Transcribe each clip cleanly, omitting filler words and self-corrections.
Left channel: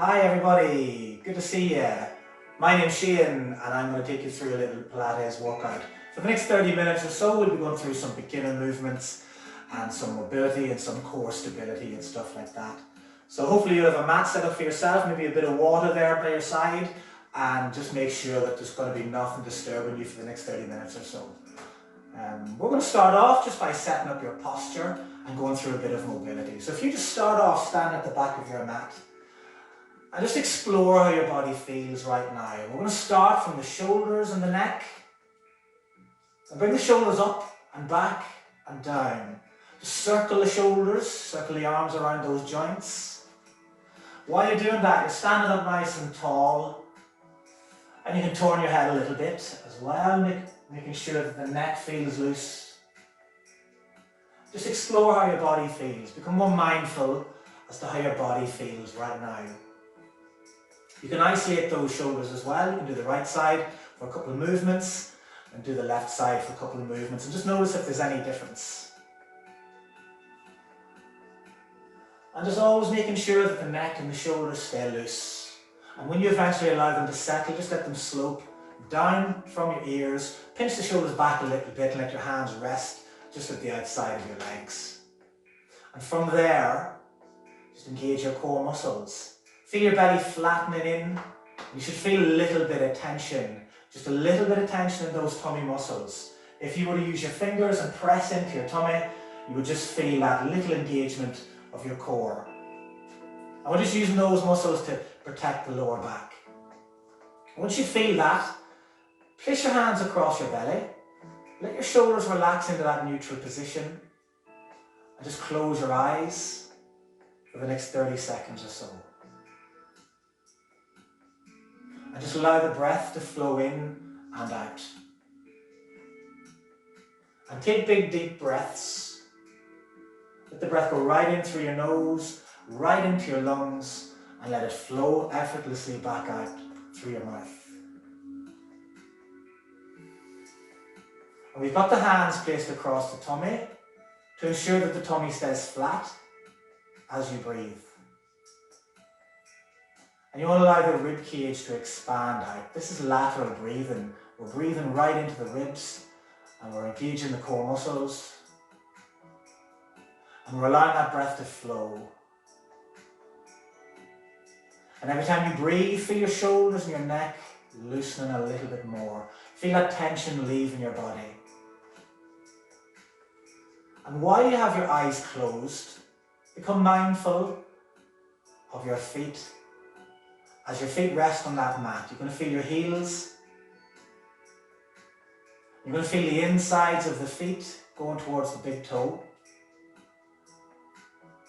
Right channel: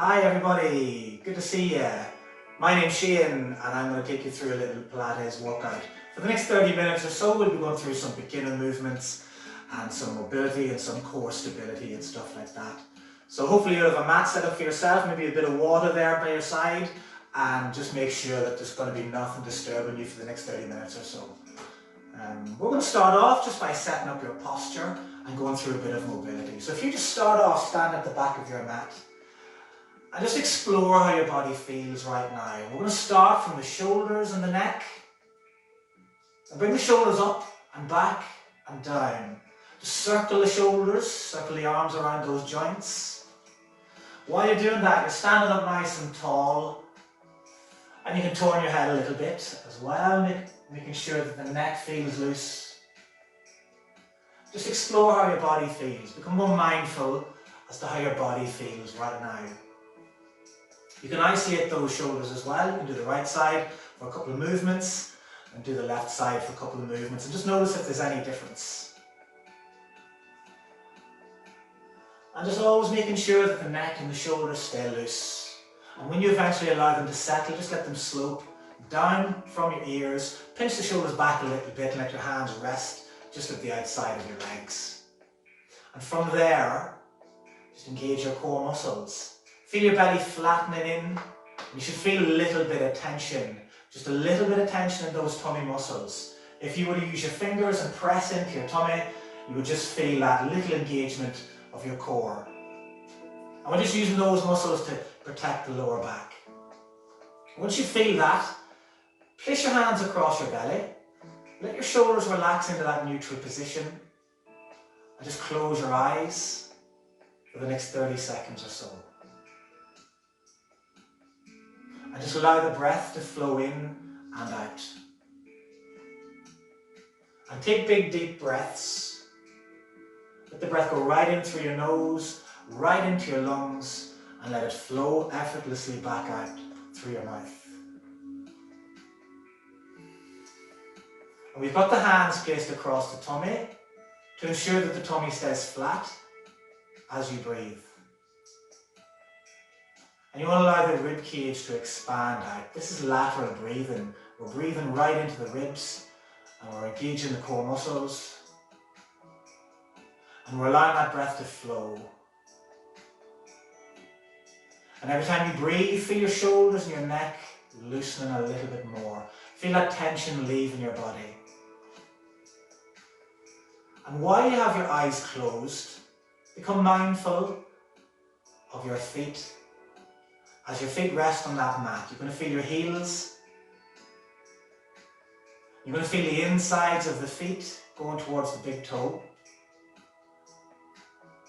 Hi everybody, good to see you. My name's Shane and I'm going to take you through a little Pilates workout. For the next 30 minutes or so we'll be going through some beginner movements and some mobility and some core stability and stuff like that. So hopefully you'll have a mat set up for yourself, maybe a bit of water there by your side, and just make sure that there's going to be nothing disturbing you for the next 30 minutes or so. We're going to start off just by setting up your posture and going through a bit of mobility. So if you just start off standing at the back of your mat, and just explore how your body feels right now. We're going to start from the shoulders and the neck. And bring the shoulders up and back and down. Just circle the shoulders, circle the arms around those joints. While you're doing that, you're standing up nice and tall. And you can turn your head a little bit as well, making sure that the neck feels loose. Just explore how your body feels. Become more mindful as to how your body feels right now. You can isolate those shoulders as well. You can do the right side for a couple of movements and do the left side for a couple of movements, and just notice if there's any difference. And just always making sure that the neck and the shoulders stay loose. And when you eventually allow them to settle, just let them slope down from your ears. Pinch the shoulders back a little bit and let your hands rest just at the outside of your legs. And from there, just engage your core muscles. Feel your belly flattening in. You should feel a little bit of tension, just a little bit of tension in those tummy muscles. If you were to use your fingers and press into your tummy, you would just feel that little engagement of your core. And we're just using those muscles to protect the lower back. Once you feel that, place your hands across your belly. Let your shoulders relax into that neutral position. And just close your eyes for the next 30 seconds or so. And just allow the breath to flow in and out. And take big deep breaths. Let the breath go right in through your nose, right into your lungs, and let it flow effortlessly back out through your mouth. And we've got the hands placed across the tummy to ensure that the tummy stays flat as you breathe. And you want to allow the rib cage to expand out. This is lateral breathing. We're breathing right into the ribs and we're engaging the core muscles. And we're allowing that breath to flow. And every time you breathe, feel your shoulders and your neck loosening a little bit more. Feel that tension leaving your body. And while you have your eyes closed, become mindful of your feet. As your feet rest on that mat, you're going to feel your heels. You're going to feel the insides of the feet going towards the big toe.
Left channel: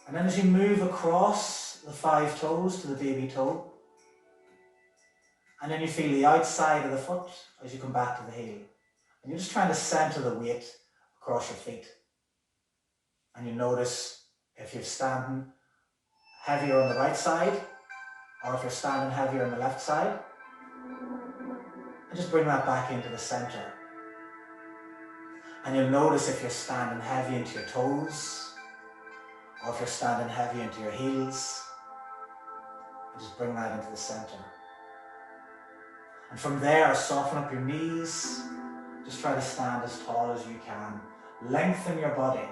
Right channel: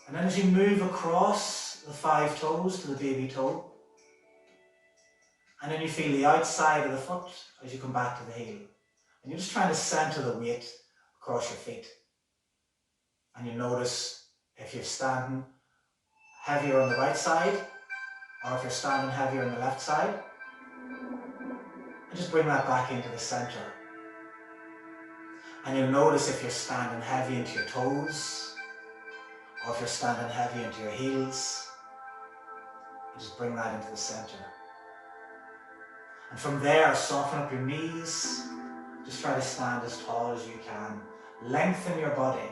And then as you move across the 5 toes to the baby toe, and then you feel the outside of the foot as you come back to the heel. And you're just trying to center the weight across your feet. And you notice if you're standing heavier on the right side, or if you're standing heavier on the left side, and just bring that back into the center. And you'll notice if you're standing heavy into your toes, or if you're standing heavy into your heels, and just bring that into the center. And from there, soften up your knees, just try to stand as tall as you can. Lengthen your body.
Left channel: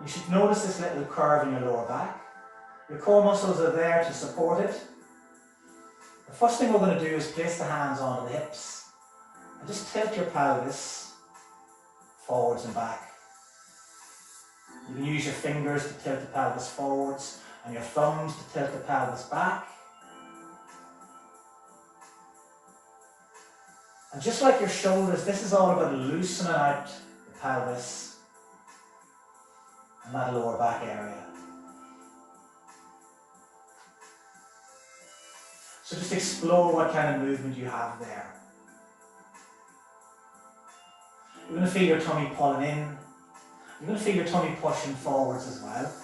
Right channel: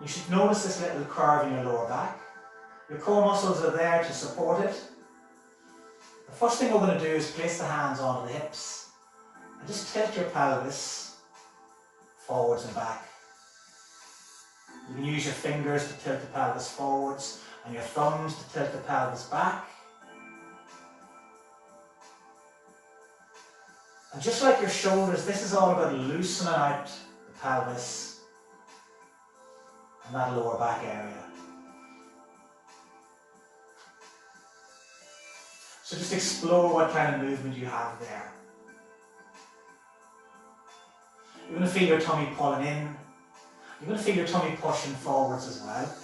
You should notice this little curve in your lower back. Your core muscles are there to support it. The first thing we're going to do is place the hands onto the hips and just tilt your pelvis forwards and back. You can use your fingers to tilt the pelvis forwards and your thumbs to tilt the pelvis back. And just like your shoulders, this is all about loosening out the pelvis and that lower back area. So just explore what kind of movement you have there. You're going to feel your tummy pulling in. You're going to feel your tummy pushing forwards as well.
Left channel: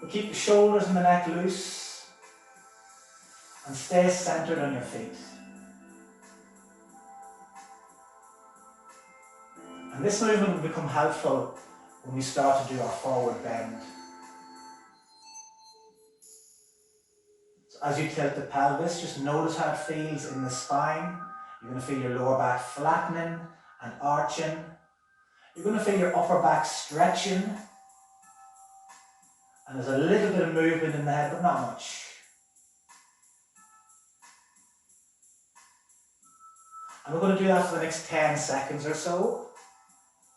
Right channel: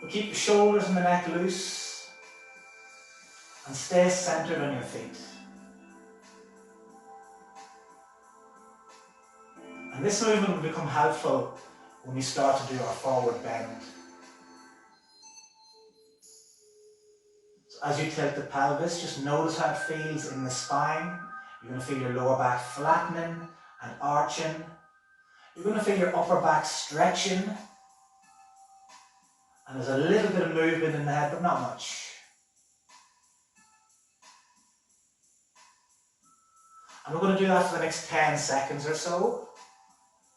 But keep the shoulders and the neck loose and stay centered on your feet. And this movement will become helpful when we start to do our forward bend. So as you tilt the pelvis, just notice how it feels in the spine. You're going to feel your lower back flattening and arching. You're going to feel your upper back stretching. And there's a little bit of movement in the head, but not much. And we're going to do that for the next 10 seconds or so.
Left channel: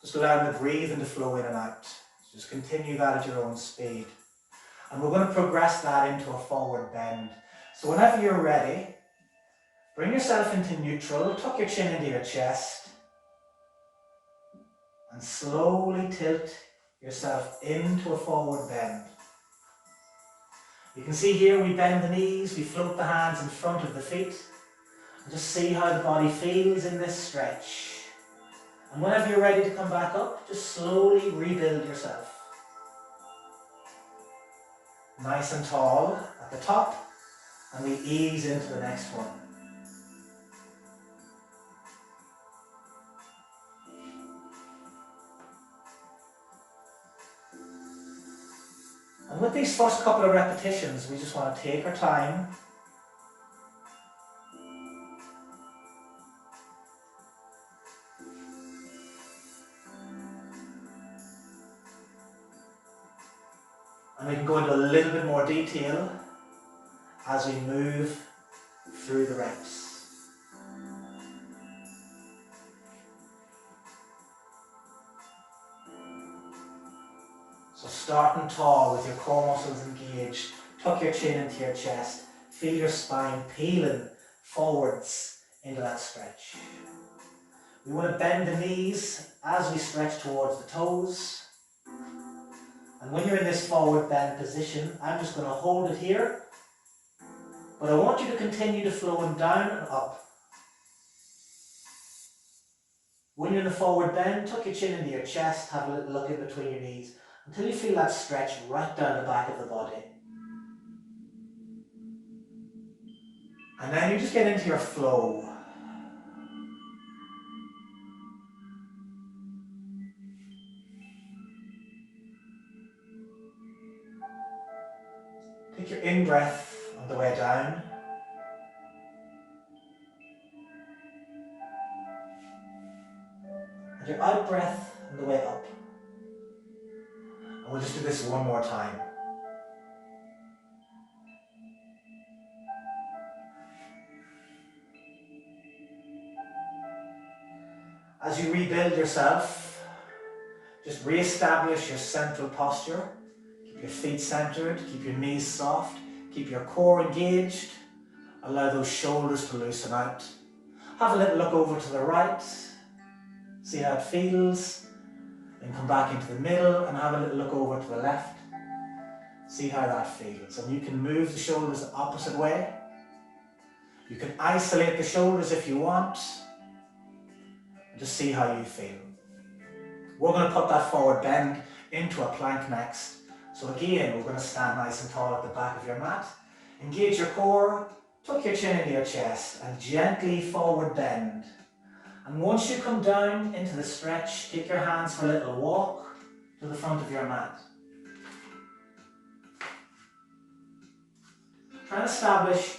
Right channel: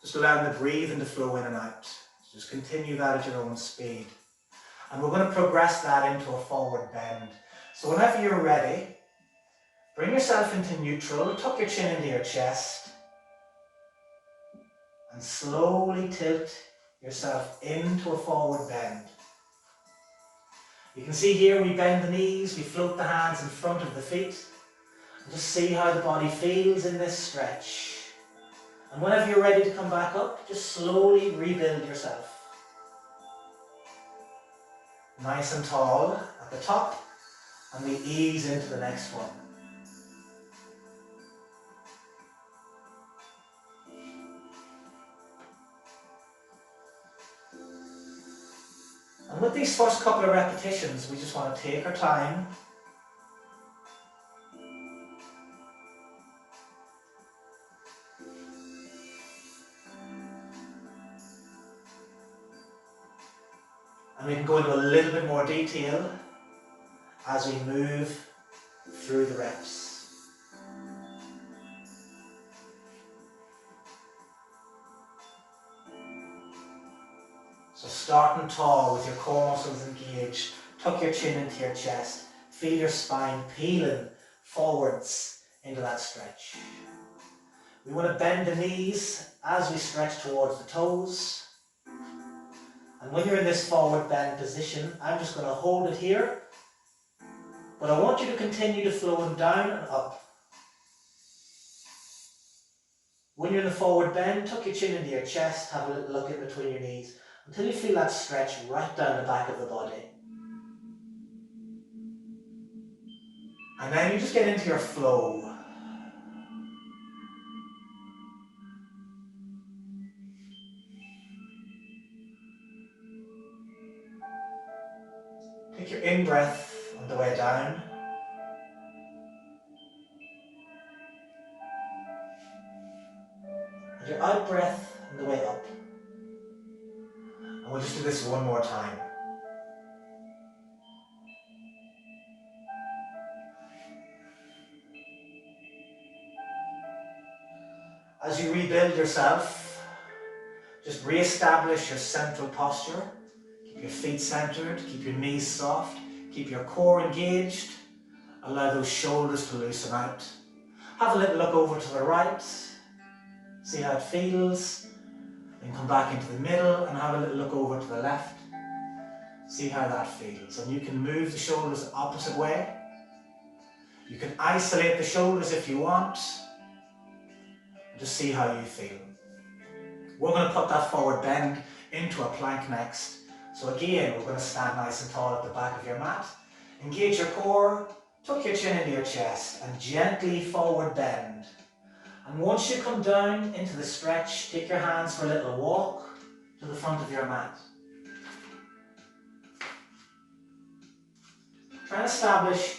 Just allowing the breathing to flow in and out. Just continue that at your own speed. And we're going to progress that into a forward bend. So whenever you're ready, bring yourself into neutral, tuck your chin into your chest, and slowly tilt yourself into a forward bend. You can see here we bend the knees, we float the hands in front of the feet, and just see how the body feels in this stretch. And whenever you're ready to come back up, just slowly rebuild yourself. Nice and tall at the top, and we ease into the next one. And with these first couple of repetitions, we just want to take our time. And we can go into a little bit more detail as we move through the reps. So starting tall with your core muscles engaged, tuck your chin into your chest, feel your spine peeling forwards into that stretch. We want to bend the knees as we stretch towards the toes. And when you're in this forward bend position, I'm just going to hold it here, but I want you to continue to flow down and up. When you're in the forward bend, tuck your chin into your chest, have a little look in between your knees, until you feel that stretch right down the back of the body. And then you just get into your flow. Take your in-breath on the way down. And your out-breath on the way up. And we'll just do this one more time. As you rebuild yourself, just re-establish your central posture. Keep your feet centered, keep your knees soft, keep your core engaged. Allow those shoulders to loosen out. Have a little look over to the right, see how it feels. Then come back into the middle and have a little look over to the left. See how that feels. And you can move the shoulders the opposite way. You can isolate the shoulders if you want. Just see how you feel. We're going to put that forward bend into a plank next. So again, we're going to stand nice and tall at the back of your mat. Engage your core, tuck your chin into your chest and gently forward bend. And once you come down into the stretch, take your hands for a little walk to the front of your mat. Try and establish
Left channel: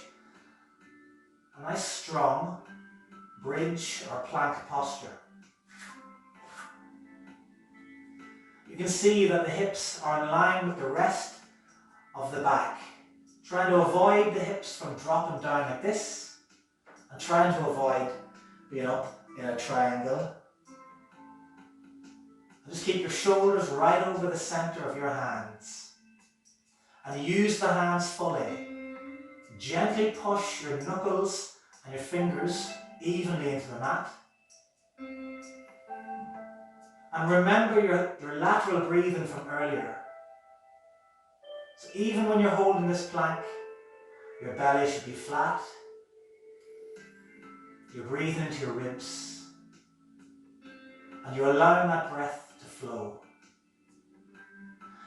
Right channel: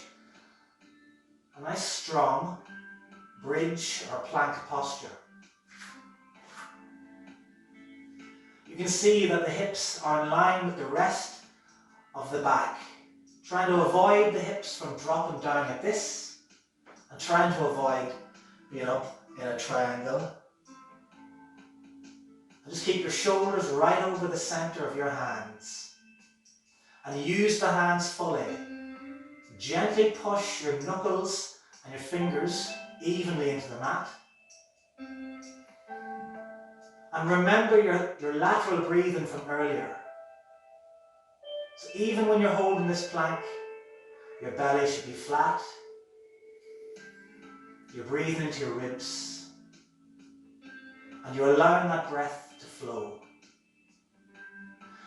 a nice strong bridge or plank posture. You can see that the hips are in line with the rest of the back. Trying to avoid the hips from dropping down like this, and trying to avoid being up in a triangle. And just keep your shoulders right over the center of your hands. And use the hands fully. Gently push your knuckles and your fingers evenly into the mat. And remember your lateral breathing from earlier. So even when you're holding this plank, your belly should be flat. You're breathing into your ribs. And you're allowing that breath to flow.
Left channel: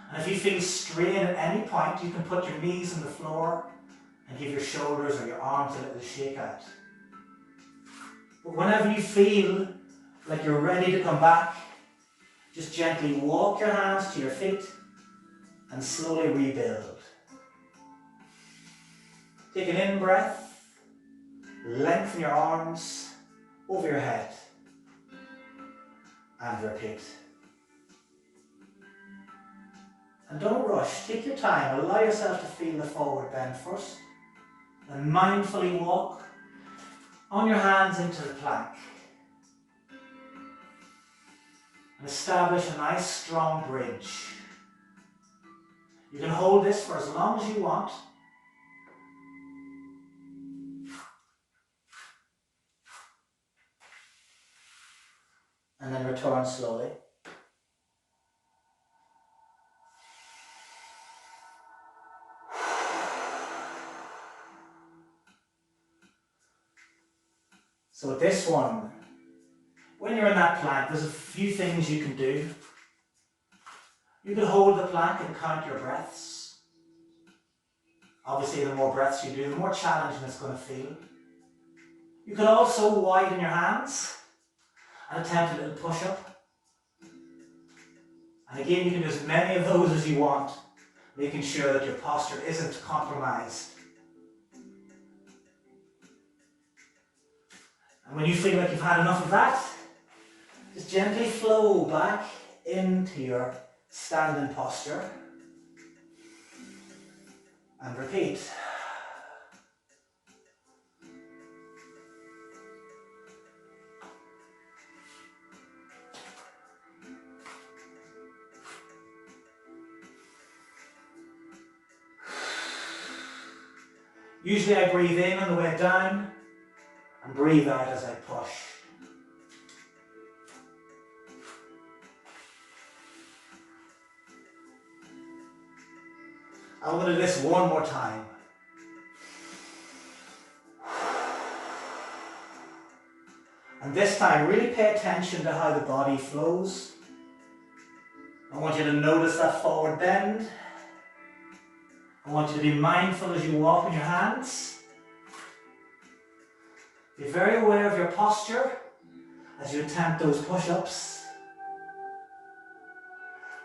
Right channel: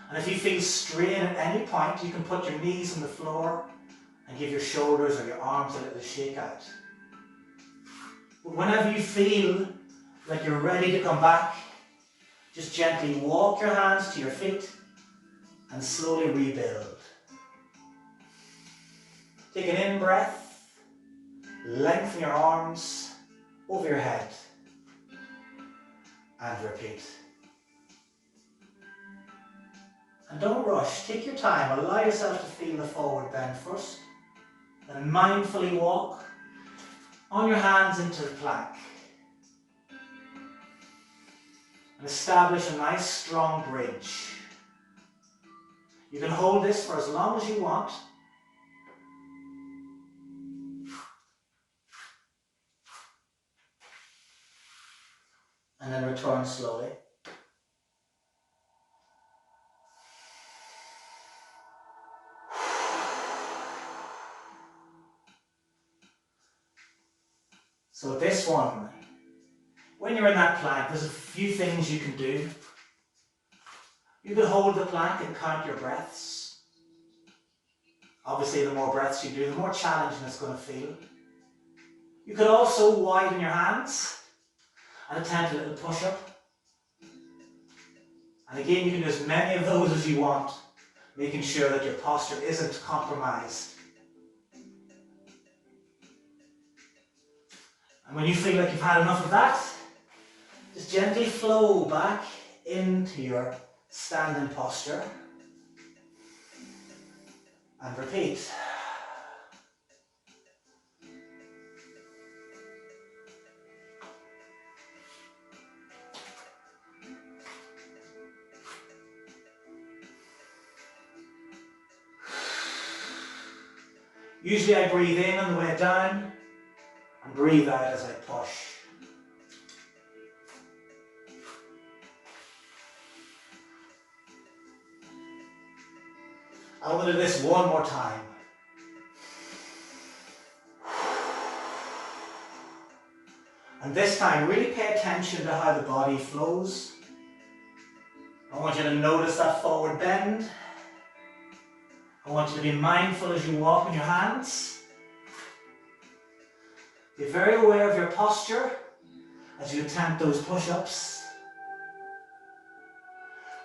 And if you feel strain at any point, you can put your knees on the floor and give your shoulders or your arms a little shake out. But whenever you feel like you're ready to come back, Just gently walk your hands to your feet and slowly rebuild. Take an in-breath, lengthen your arms over your head, and repeat. And don't rush, take your time, allow yourself to feel the forward bend first, then mindfully walk on your hands into the plank. And establish a nice strong bridge. You can hold this for as long as you want. And then return slowly. So this one, when you're in that plank, there's a few things you can do. You can hold the plank and count your breaths. Obviously, the more breaths you do, the more challenging it's going to feel. You could also widen your hands and attempt a little push-up. And again, you can do as many of those as you want, making sure that your posture isn't compromised. And when you feel like you've had enough of that, just gently flow back into your standing posture and repeat. Usually I breathe in on the way down and breathe out as I push. I'm going to do this one more time. And this time, really pay attention to how the body flows. I want you to notice that forward bend. I want you to be mindful as you walk in your hands. Be very aware of your posture as you attempt those push-ups.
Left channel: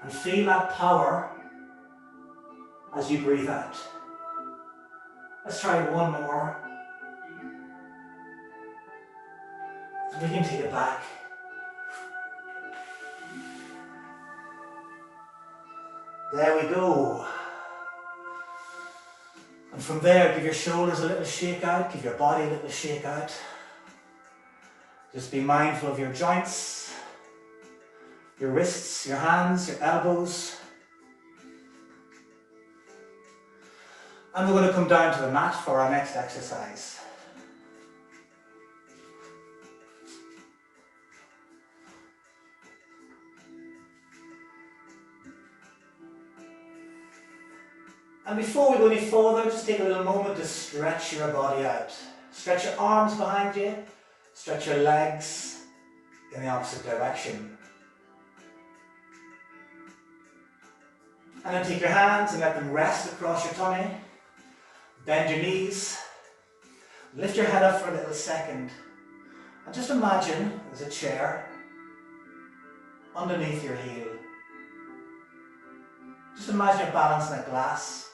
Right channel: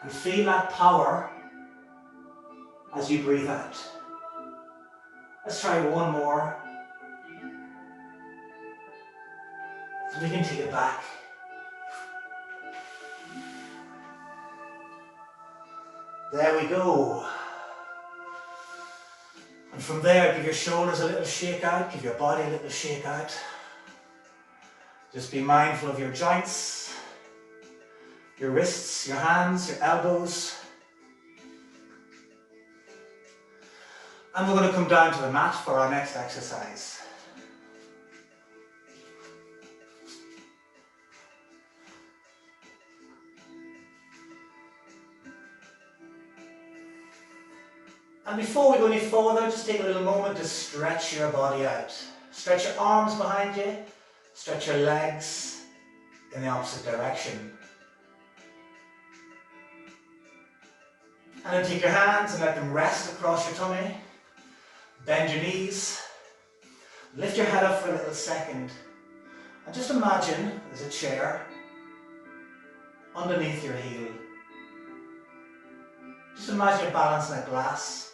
And feel that power as you breathe out. Let's try one more. And we can take it back. There we go. And from there, give your shoulders a little shake out, give your body a little shake out. Just be mindful of your joints, your wrists, your hands, your elbows. And we're going to come down to the mat for our next exercise. And before we go any further, just take a little moment to stretch your body out. Stretch your arms behind you, stretch your legs in the opposite direction. And then take your hands and let them rest across your tummy. Bend your knees. Lift your head up for a little second. And just imagine there's a chair underneath your heel. Just imagine you're balancing a glass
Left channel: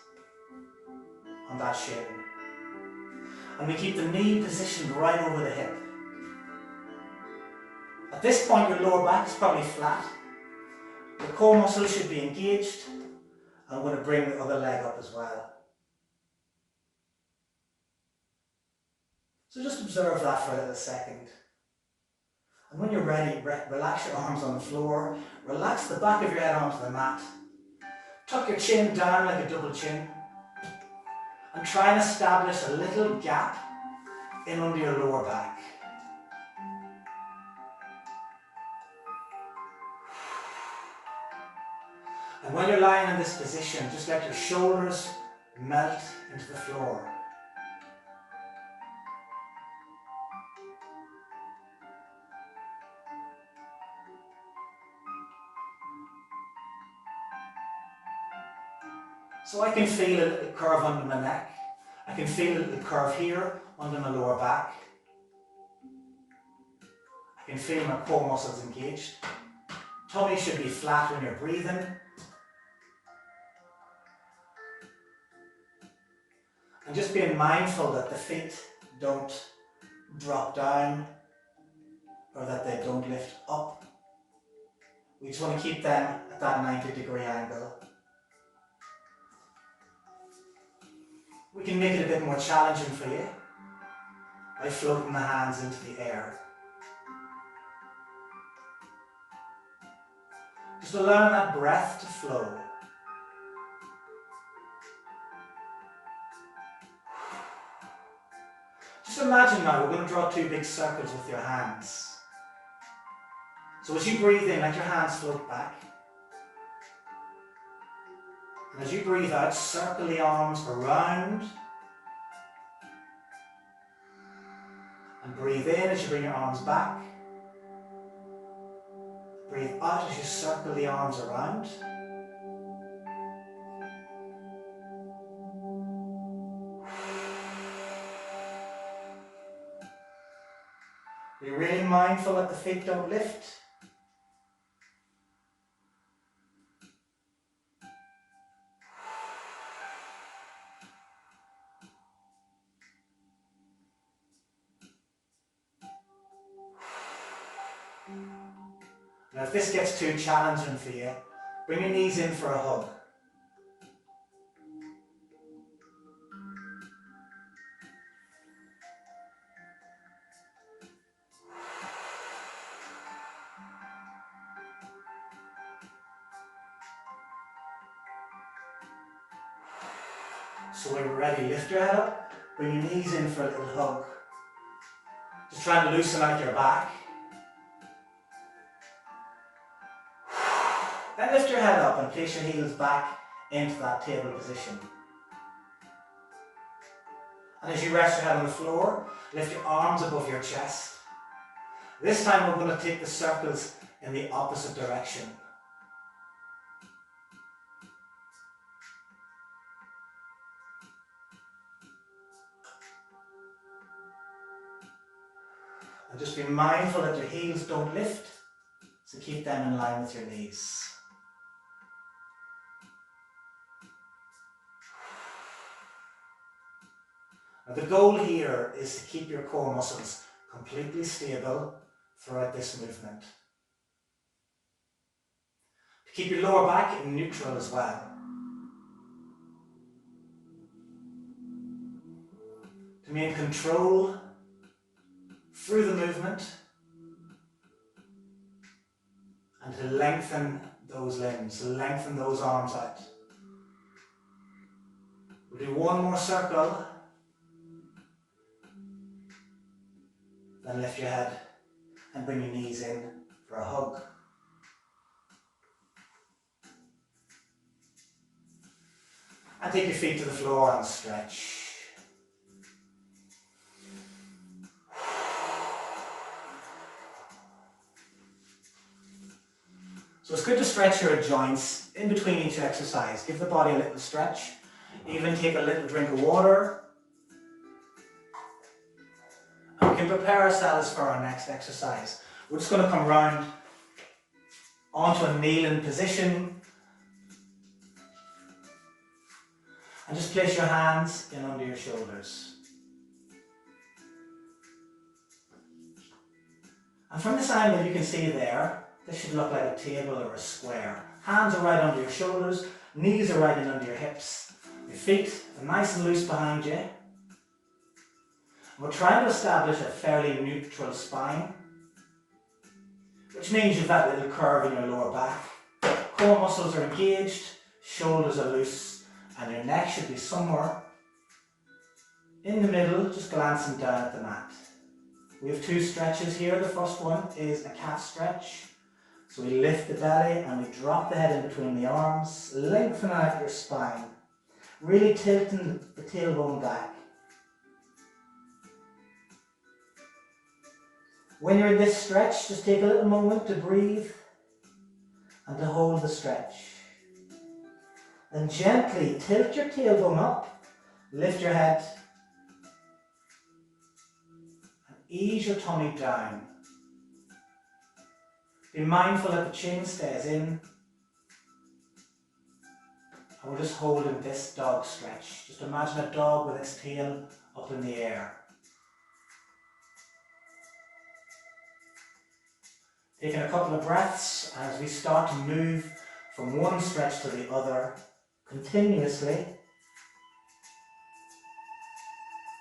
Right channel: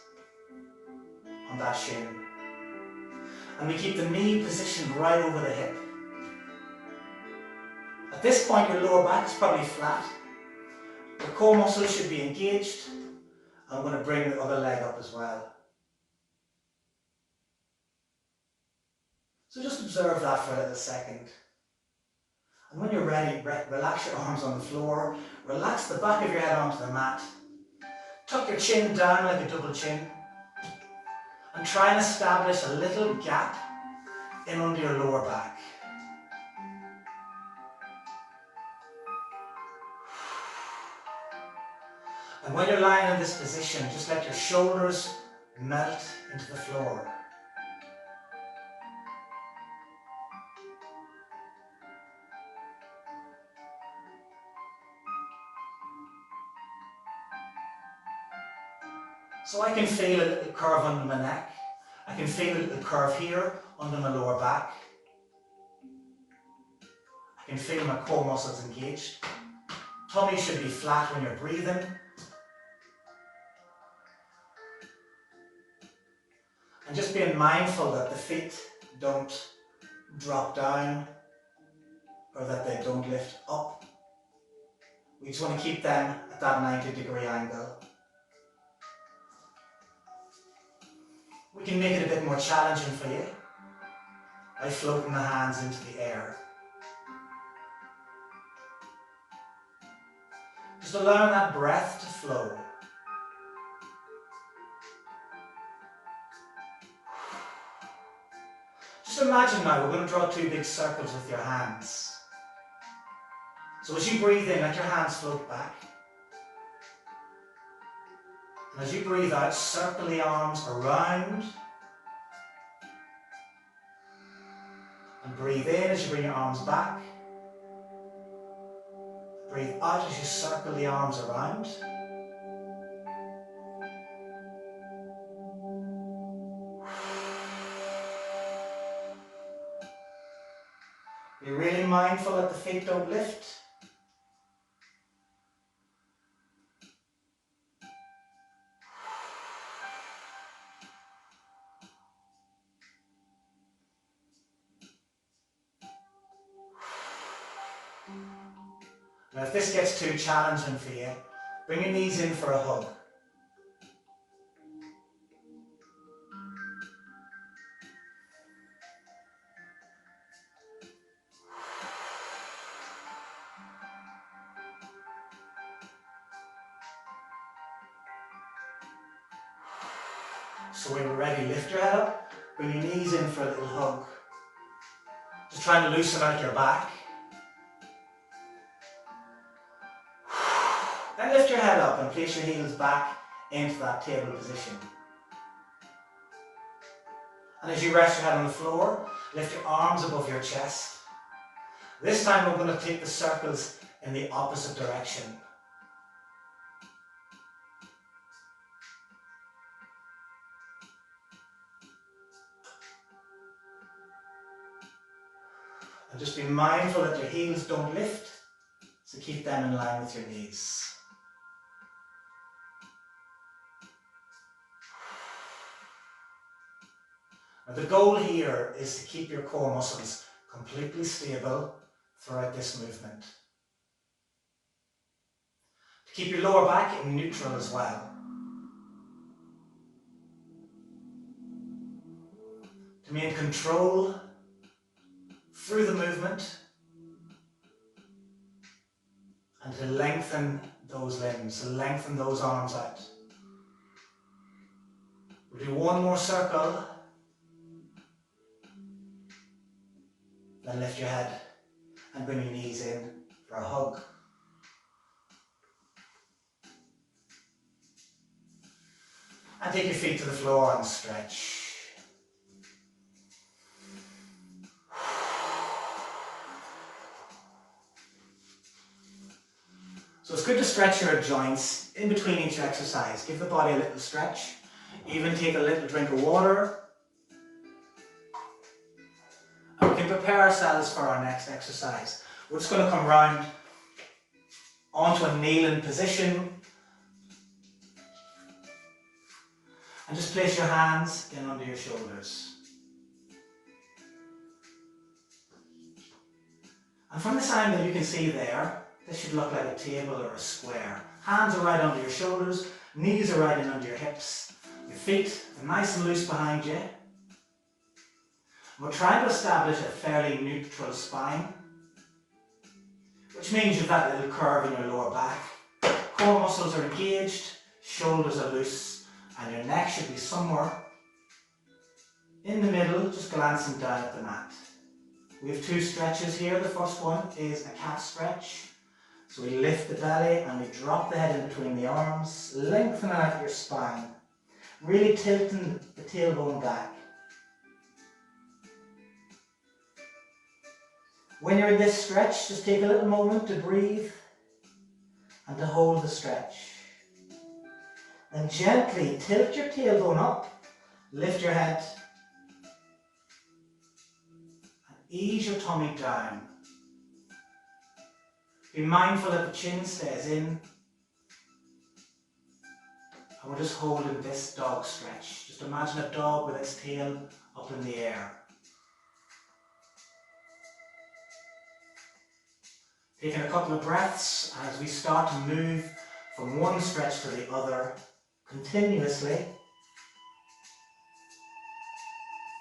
on that shin. And we keep the knee positioned right over the hip. At this point, your lower back is probably flat. The core muscles should be engaged. I'm going to bring the other leg up as well. So just observe that for a little second. And when you're ready, relax your arms on the floor. Relax the back of your head onto the mat. Tuck your chin down like a double chin. And try and establish a little gap in under your lower back. And when you're lying in this position, just let your shoulders melt into the floor. So I can feel a little curve under my neck. I can feel a little curve here under my lower back. I can feel my core muscles engaged. Tummy should be flat when you're breathing. And just being mindful that the feet don't drop down or that they don't lift up. We just want to keep them at that 90-degree angle. We can make it a bit more challenging for you by floating the hands into the air. Just allowing that breath to flow. Just imagine now, we're going to draw two big circles with your hands. So as you breathe in, let your hands float back. And as you breathe out, circle the arms around. And breathe in as you bring your arms back. Breathe out as you circle the arms around. Be really mindful that the feet don't lift. Now if this gets too challenging for you, bring your knees in for a hug. So when you're ready, lift your head up, bring your knees in for a little hug. Just trying to loosen out your back. Then lift your head up and place your heels back into that table position. And as you rest your head on the floor, lift your arms above your chest. This time we're going to take the circles in the opposite direction. And just be mindful that your heels don't lift, so keep them in line with your knees. Now the goal here is to keep your core muscles completely stable throughout this movement. To keep your lower back in neutral as well. To maintain control through the movement and to lengthen those limbs, to lengthen those arms out. We'll do one more circle, then lift your head and bring your knees in for a hug. And take your feet to the floor and stretch. So it's good to stretch your joints in between each exercise. Give the body a little stretch. Even take a little drink of water. And we can prepare ourselves for our next exercise. We're just going to come round onto a kneeling position. And just place your hands in under your shoulders. And from this angle you can see there, this should look like a table or a square. Hands are right under your shoulders, knees are right in under your hips. Your feet are nice and loose behind you. And we're trying to establish a fairly neutral spine, which means you've that little curve in your lower back. Core muscles are engaged, shoulders are loose, and your neck should be somewhere in the middle, just glancing down at the mat. We have two stretches here. The first one is a cat stretch. So we lift the belly and we drop the head in between the arms, lengthen out your spine, really tilting the tailbone back. When you're in this stretch, just take a little moment to breathe and to hold the stretch. Then gently tilt your tailbone up, lift your head, and ease your tummy down. Be mindful that the chin stays in. And we're just holding this dog stretch. Just imagine a dog with its tail up in the air. Taking a couple of breaths as we start to move from one stretch to the other continuously.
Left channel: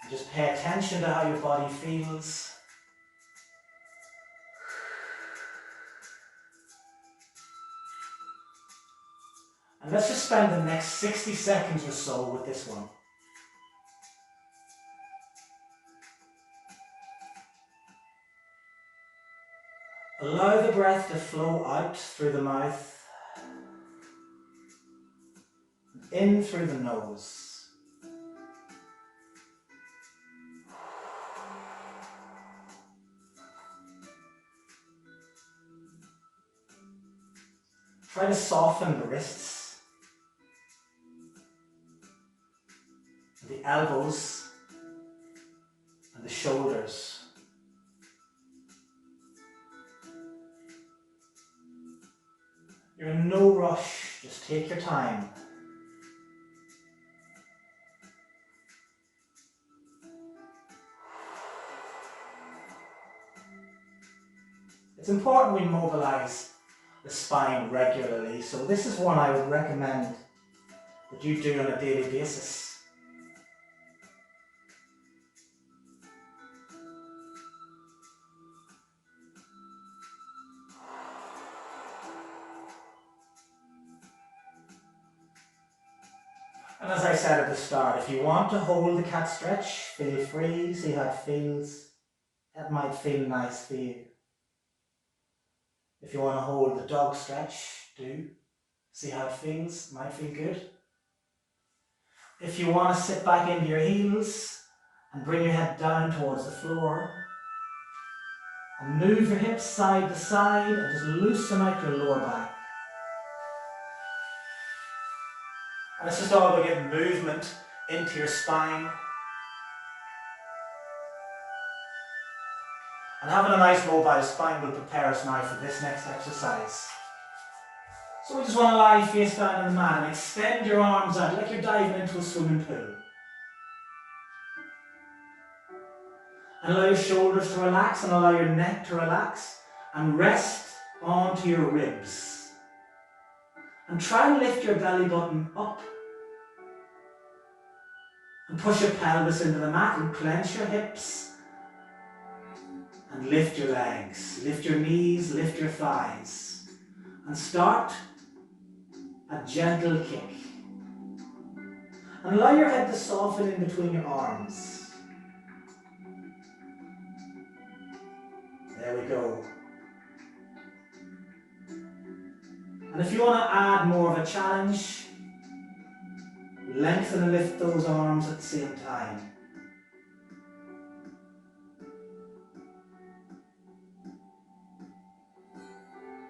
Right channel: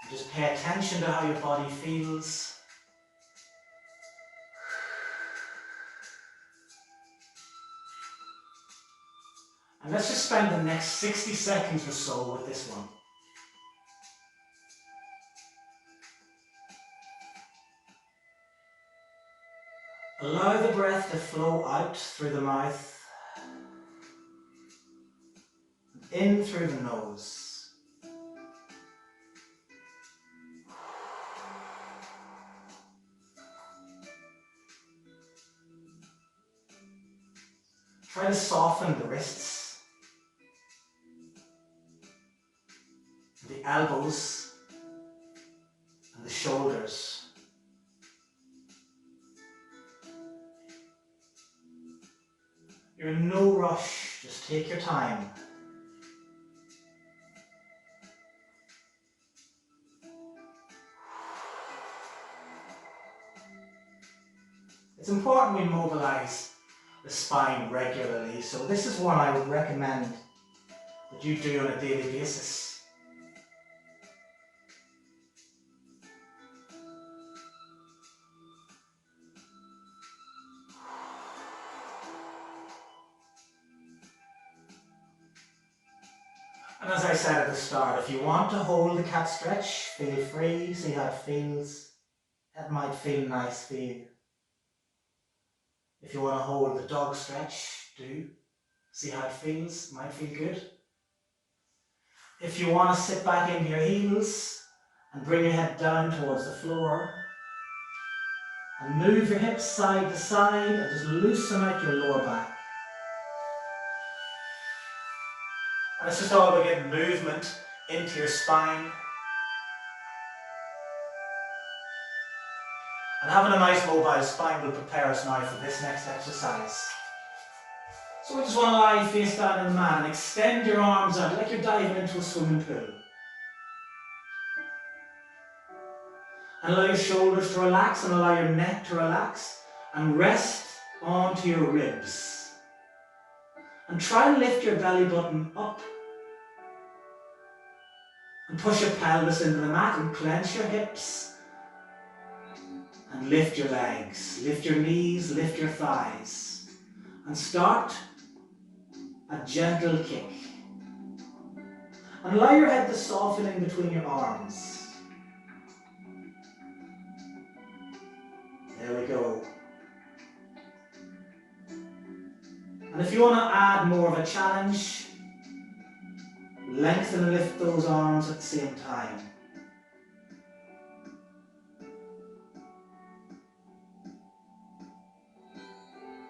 And just pay attention to how your body feels. And let's just spend the next 60 seconds or so with this one. Allow the breath to flow out through the mouth, in through the nose. Try to soften the wrists, the elbows, and the shoulders. You're in no rush, just take your time. It's important we mobilize the spine regularly, so this is one I would recommend that you do on a daily basis. And as I said at the start, if you want to hold the cat stretch, feel free, see how it feels. That might feel nice for you. If you want to hold the dog stretch, do. See how it feels, might feel good. If you want to sit back into your heels and bring your head down towards the floor and move your hips side to side and just loosen out your lower back. And it's just all about getting movement into your spine. And having a nice mobile spine will prepare us now for this next exercise. So we just want to lie face down in the mat and extend your arms out like you're diving into a swimming pool. And allow your shoulders to relax and allow your neck to relax and rest onto your ribs. And try and lift your belly button up. And push your pelvis into the mat and clench your hips. And lift your legs, lift your knees, lift your thighs. And start a gentle kick. And allow your head to soften in between your arms. There we go. And if you want to add more of a challenge, lengthen and lift those arms at the same time.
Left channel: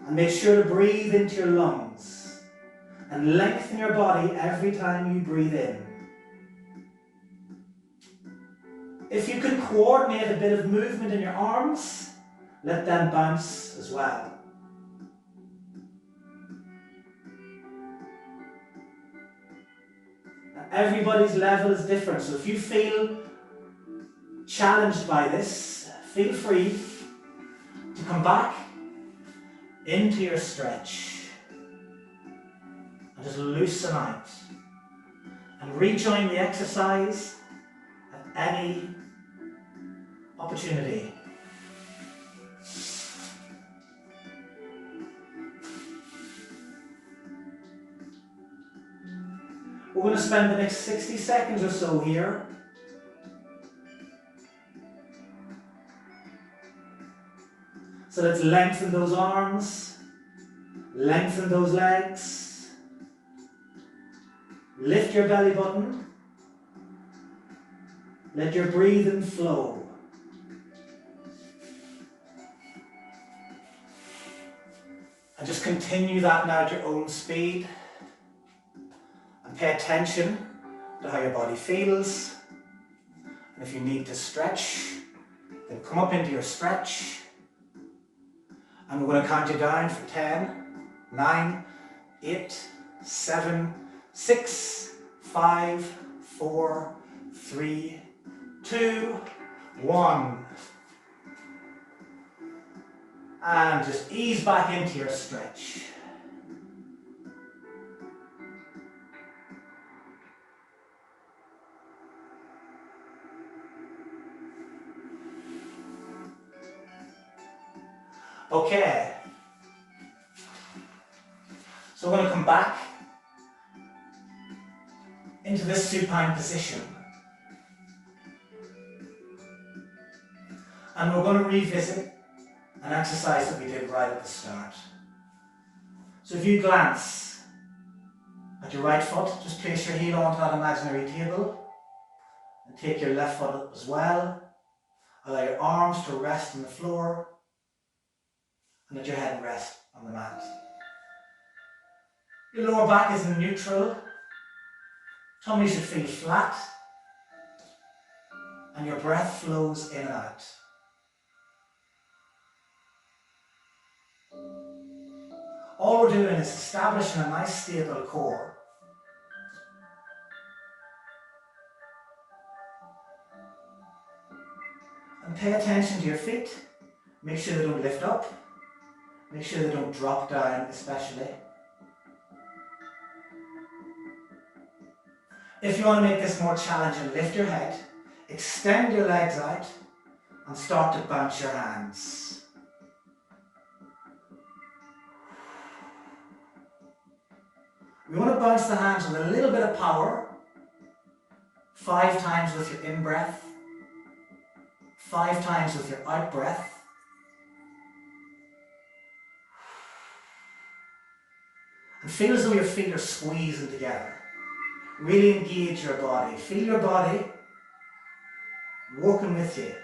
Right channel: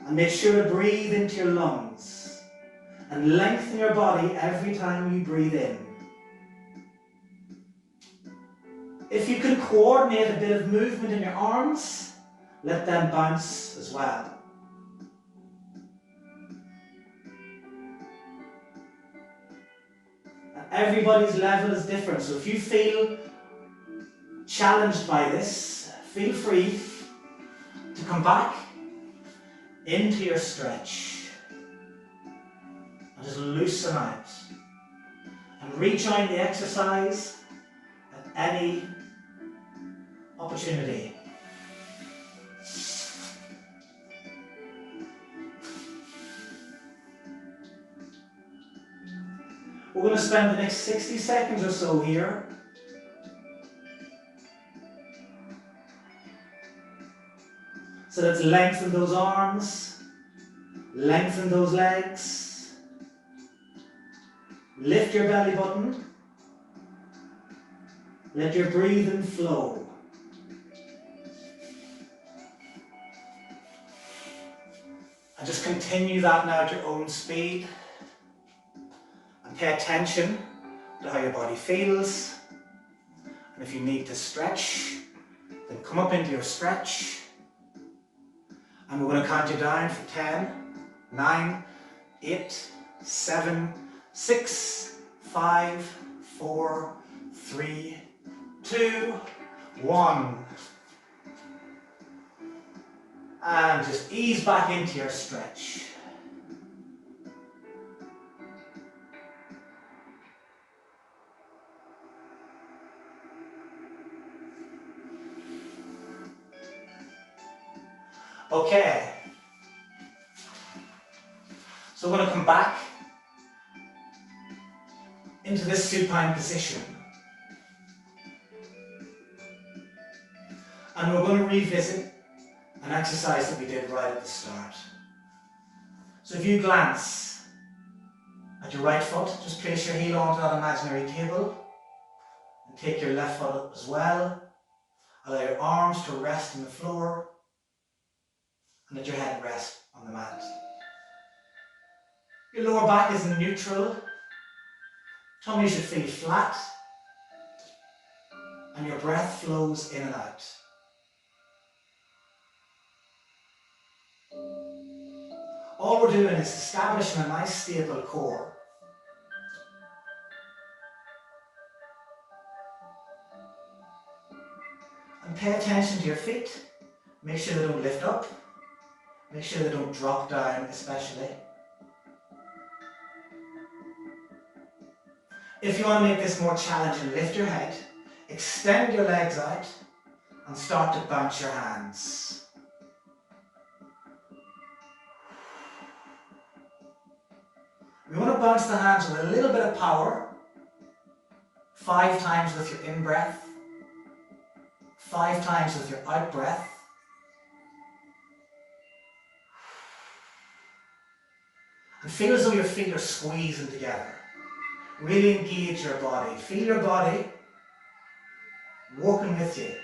And make sure to breathe into your lungs and lengthen your body every time you breathe in. If you can coordinate a bit of movement in your arms, let them bounce as well. And everybody's level is different, so if you feel challenged by this, feel free to come back into your stretch and just loosen out and rejoin the exercise at any opportunity. We're going to spend the next 60 seconds or so here so let's lengthen those arms, lengthen those legs, lift your belly button, let your breathing flow. And just continue that now at your own speed. And pay attention to how your body feels. And if you need to stretch, then come up into your stretch. And we're going to count you down for 10, 9, 8, 7, 6, 5, 4, 3, 2, 1. And just ease back into your stretch. Okay. So we're going to come back into this supine position. And we're going to revisit an exercise that we did right at the start. So if you glance at your right foot, just place your heel onto that imaginary table and take your left foot up as well. Allow your arms to rest on the floor and let your head rest on the mat. Your lower back is in neutral. Tummy should feel flat and your breath flows in and out. All we're doing is establishing a nice stable core. And pay attention to your feet. Make sure they don't lift up. Make sure they don't drop down especially. If you want to make this more challenging, lift your head, extend your legs out and start to bounce your hands. We want to bounce the hands with a little bit of power. 5 times with your in-breath. 5 times with your out-breath. And feel as though your feet are squeezing together. Really engage your body. Feel your body working with you.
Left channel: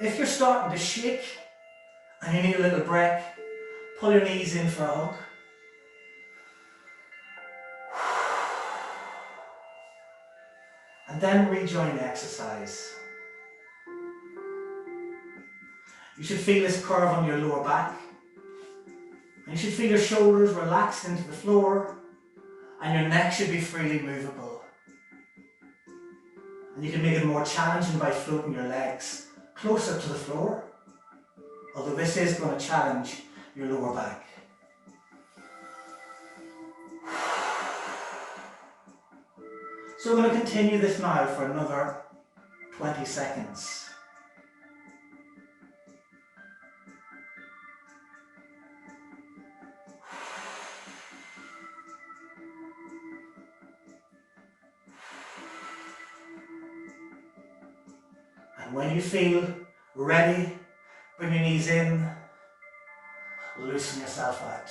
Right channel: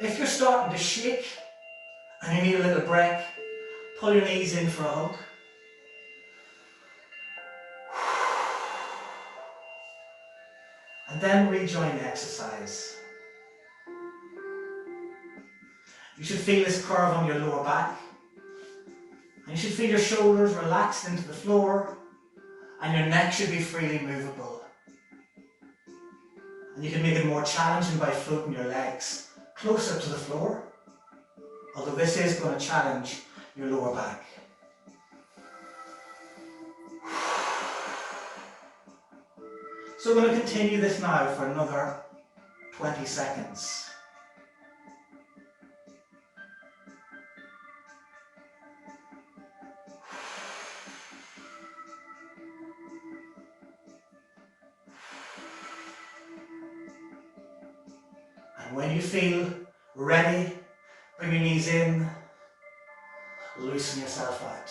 If you're starting to shake and you need a little break, pull your knees in for a hug. And then rejoin the exercise. You should feel this curve on your lower back. And you should feel your shoulders relaxed into the floor and your neck should be freely movable. And you can make it more challenging by floating your legs closer to the floor, although this is going to challenge your lower back. So we're going to continue this now for another 20 seconds. And when you feel ready, bring your knees in, loosen yourself out.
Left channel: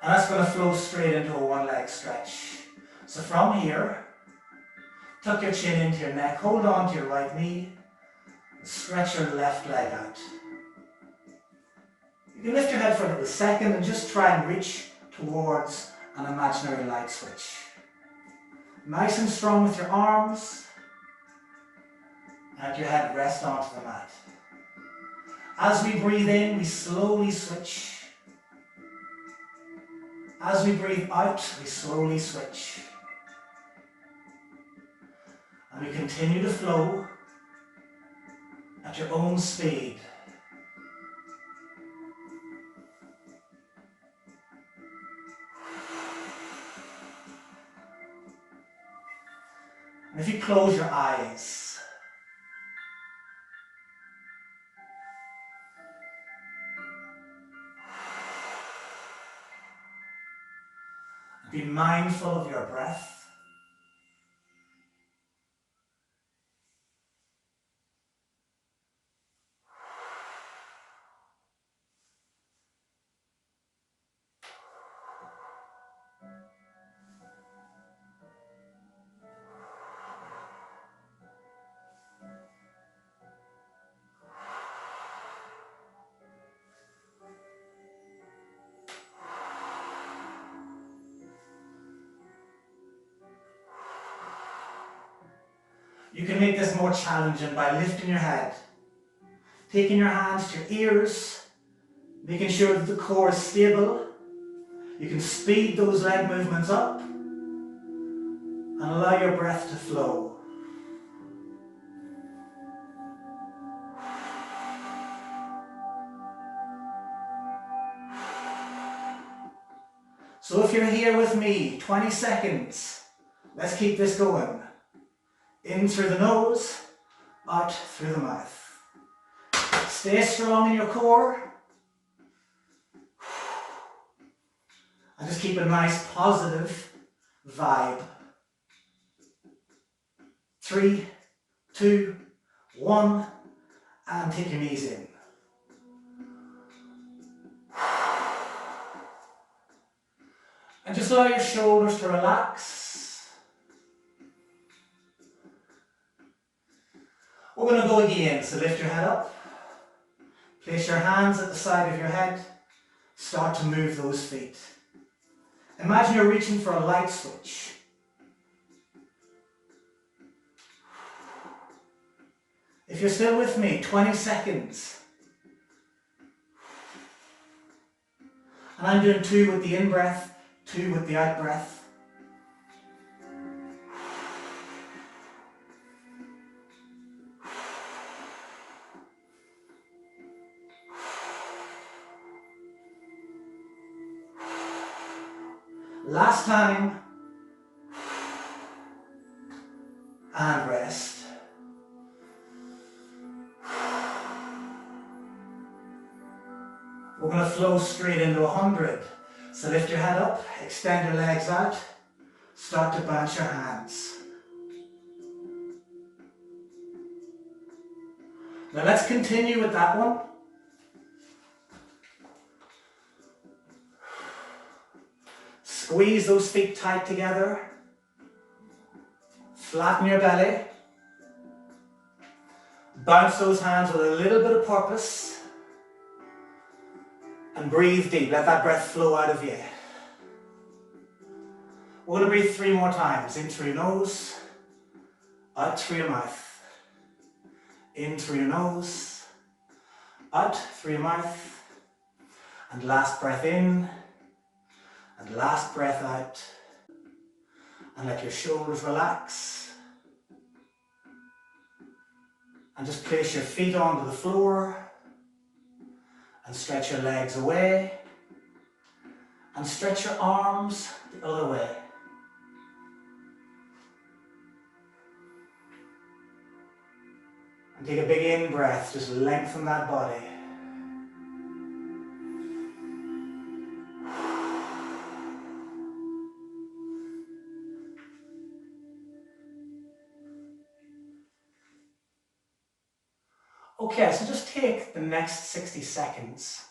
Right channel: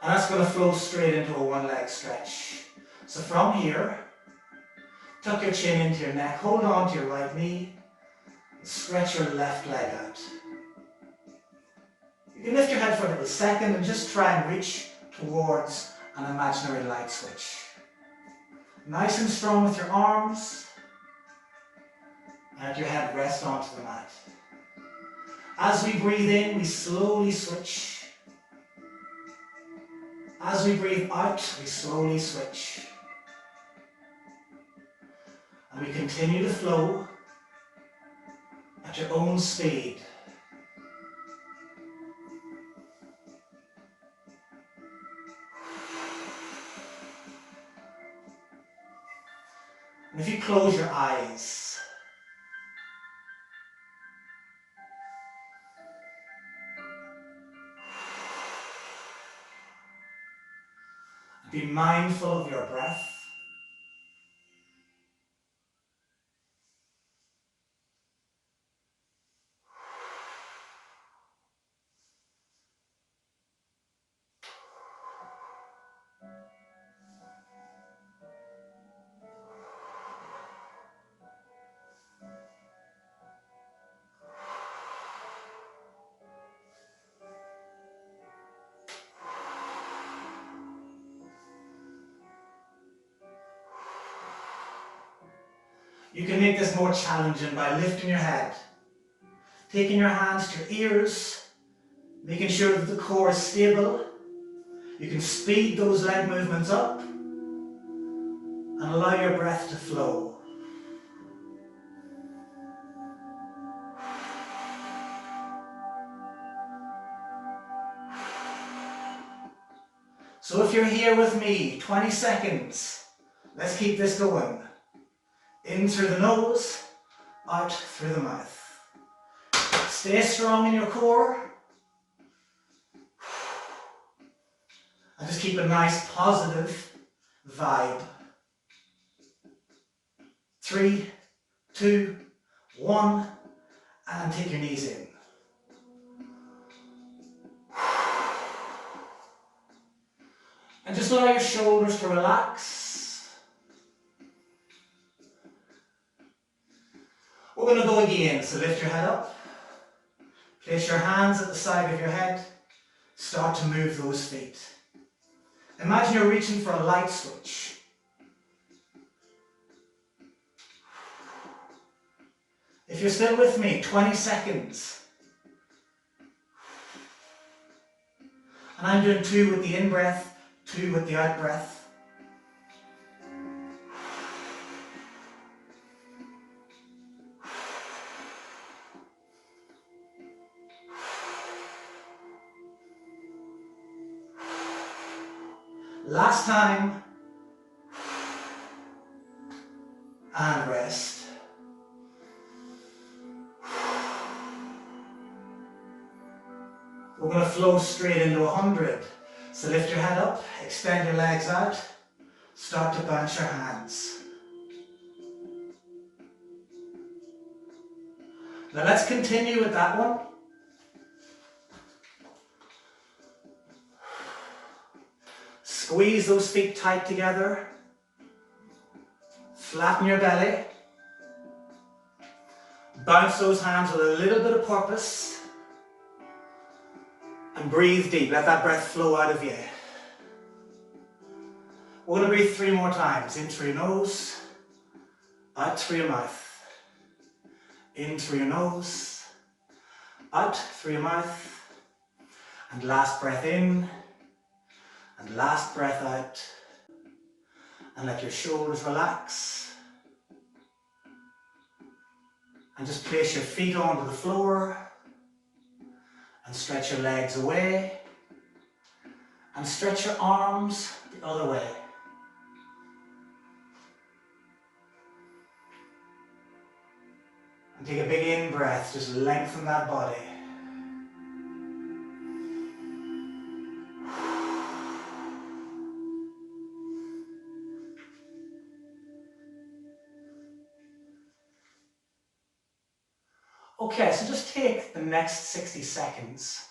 And that's going to flow straight into a one-leg stretch. So from here, tuck your chin into your neck, hold on to your right knee, and stretch your left leg out. You can lift your head for a little second and just try and reach towards an imaginary light switch. Nice and strong with your arms, and let your head rest onto the mat. As we breathe in, we slowly switch. As we breathe out, we slowly switch. And we continue to flow at your own speed. And if you close your eyes, be mindful of your breath. You can make this more challenging by lifting your head Taking your hands to your ears, making sure that the core is stable. You can speed those leg movements up and allow your breath to flow. So if you're here with me, 20 seconds. Let's keep this going. In through the nose, out through the mouth. Stay strong in your core. And just keep a nice positive vibe. 3, 2, 1, and take your knees in. And just allow your shoulders to relax. We're going to go again, so lift your head up. Place your hands at the side of your head. Start to move those feet. Imagine you're reaching for a light switch. If you're still with me, 20 seconds. And I'm doing 2 with the in-breath, 2 with the out-breath. Last time. And rest. We're going to flow straight into 100. So lift your head up, extend your legs out, start to bounce your hands. Now let's continue with that one. Squeeze those feet tight together. Flatten your belly. Bounce those hands with a little bit of purpose. And breathe deep. Let that breath flow out of you. We're going to breathe 3 more times. In through your nose. Out through your mouth. In through your nose. Out through your mouth. And last breath in. And last breath out. And let your shoulders relax. And just place your feet onto the floor. And stretch your legs away. And stretch your arms the other way. And take a big in-breath. Just lengthen that body. Okay, so just take the next 60 seconds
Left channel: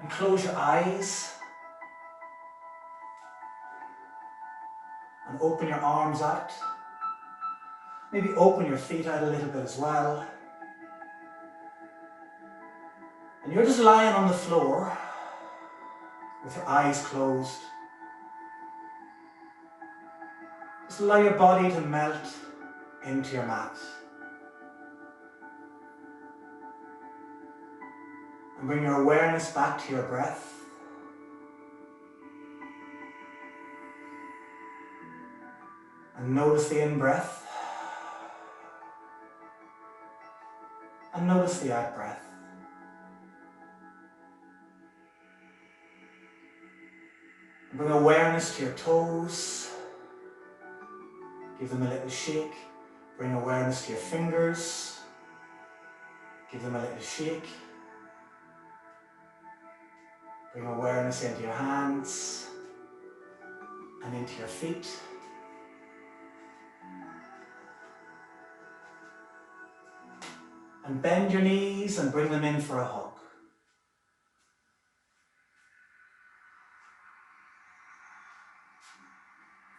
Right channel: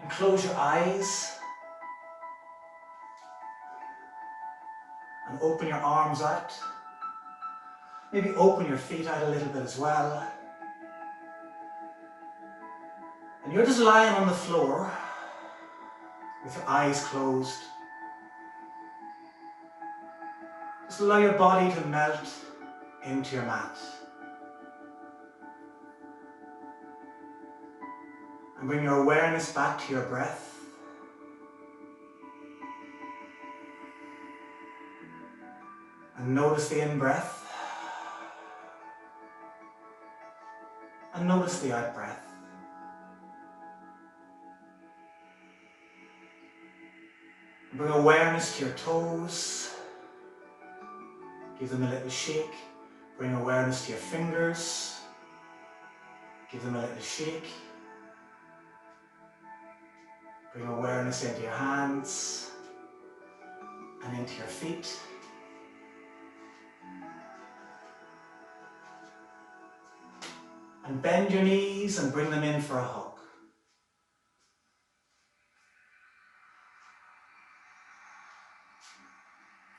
and close your eyes and open your arms out. Maybe open your feet out a little bit as well. And you're just lying on the floor with your eyes closed. Just allow your body to melt into your mat. And bring your awareness back to your breath. And notice the in-breath. And notice the out-breath. And bring awareness to your toes. Give them a little shake. Bring awareness to your fingers. Give them a little shake. Bring awareness into your hands and into your feet. And bend your knees and bring them in for a hug.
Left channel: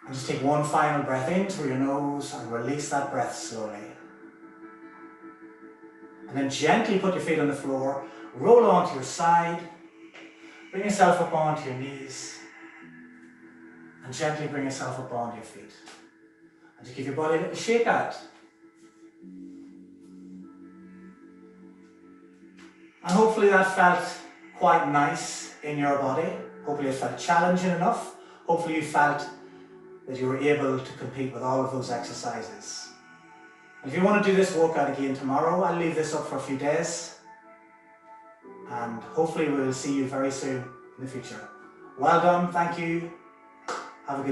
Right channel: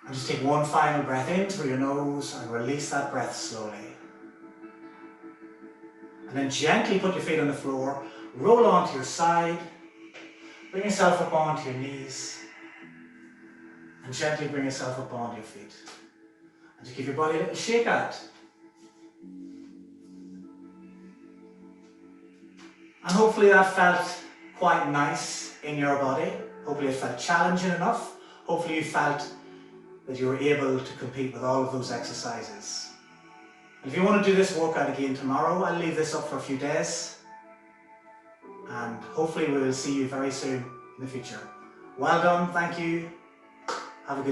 And just take one final breath in through your nose and release that breath slowly. And then gently put your feet on the floor, roll onto your side, bring yourself up onto your knees, and gently bring yourself up onto your feet. And just give your body a little shake out. And hopefully that felt quite nice in your body. Hopefully it felt challenging enough. Hopefully you felt that you were able to compete with all of those exercises. And if you want to do this workout again tomorrow, I'll leave this up for a few days. And hopefully we will see you very soon in the future. Well done, thank you. Have a good day.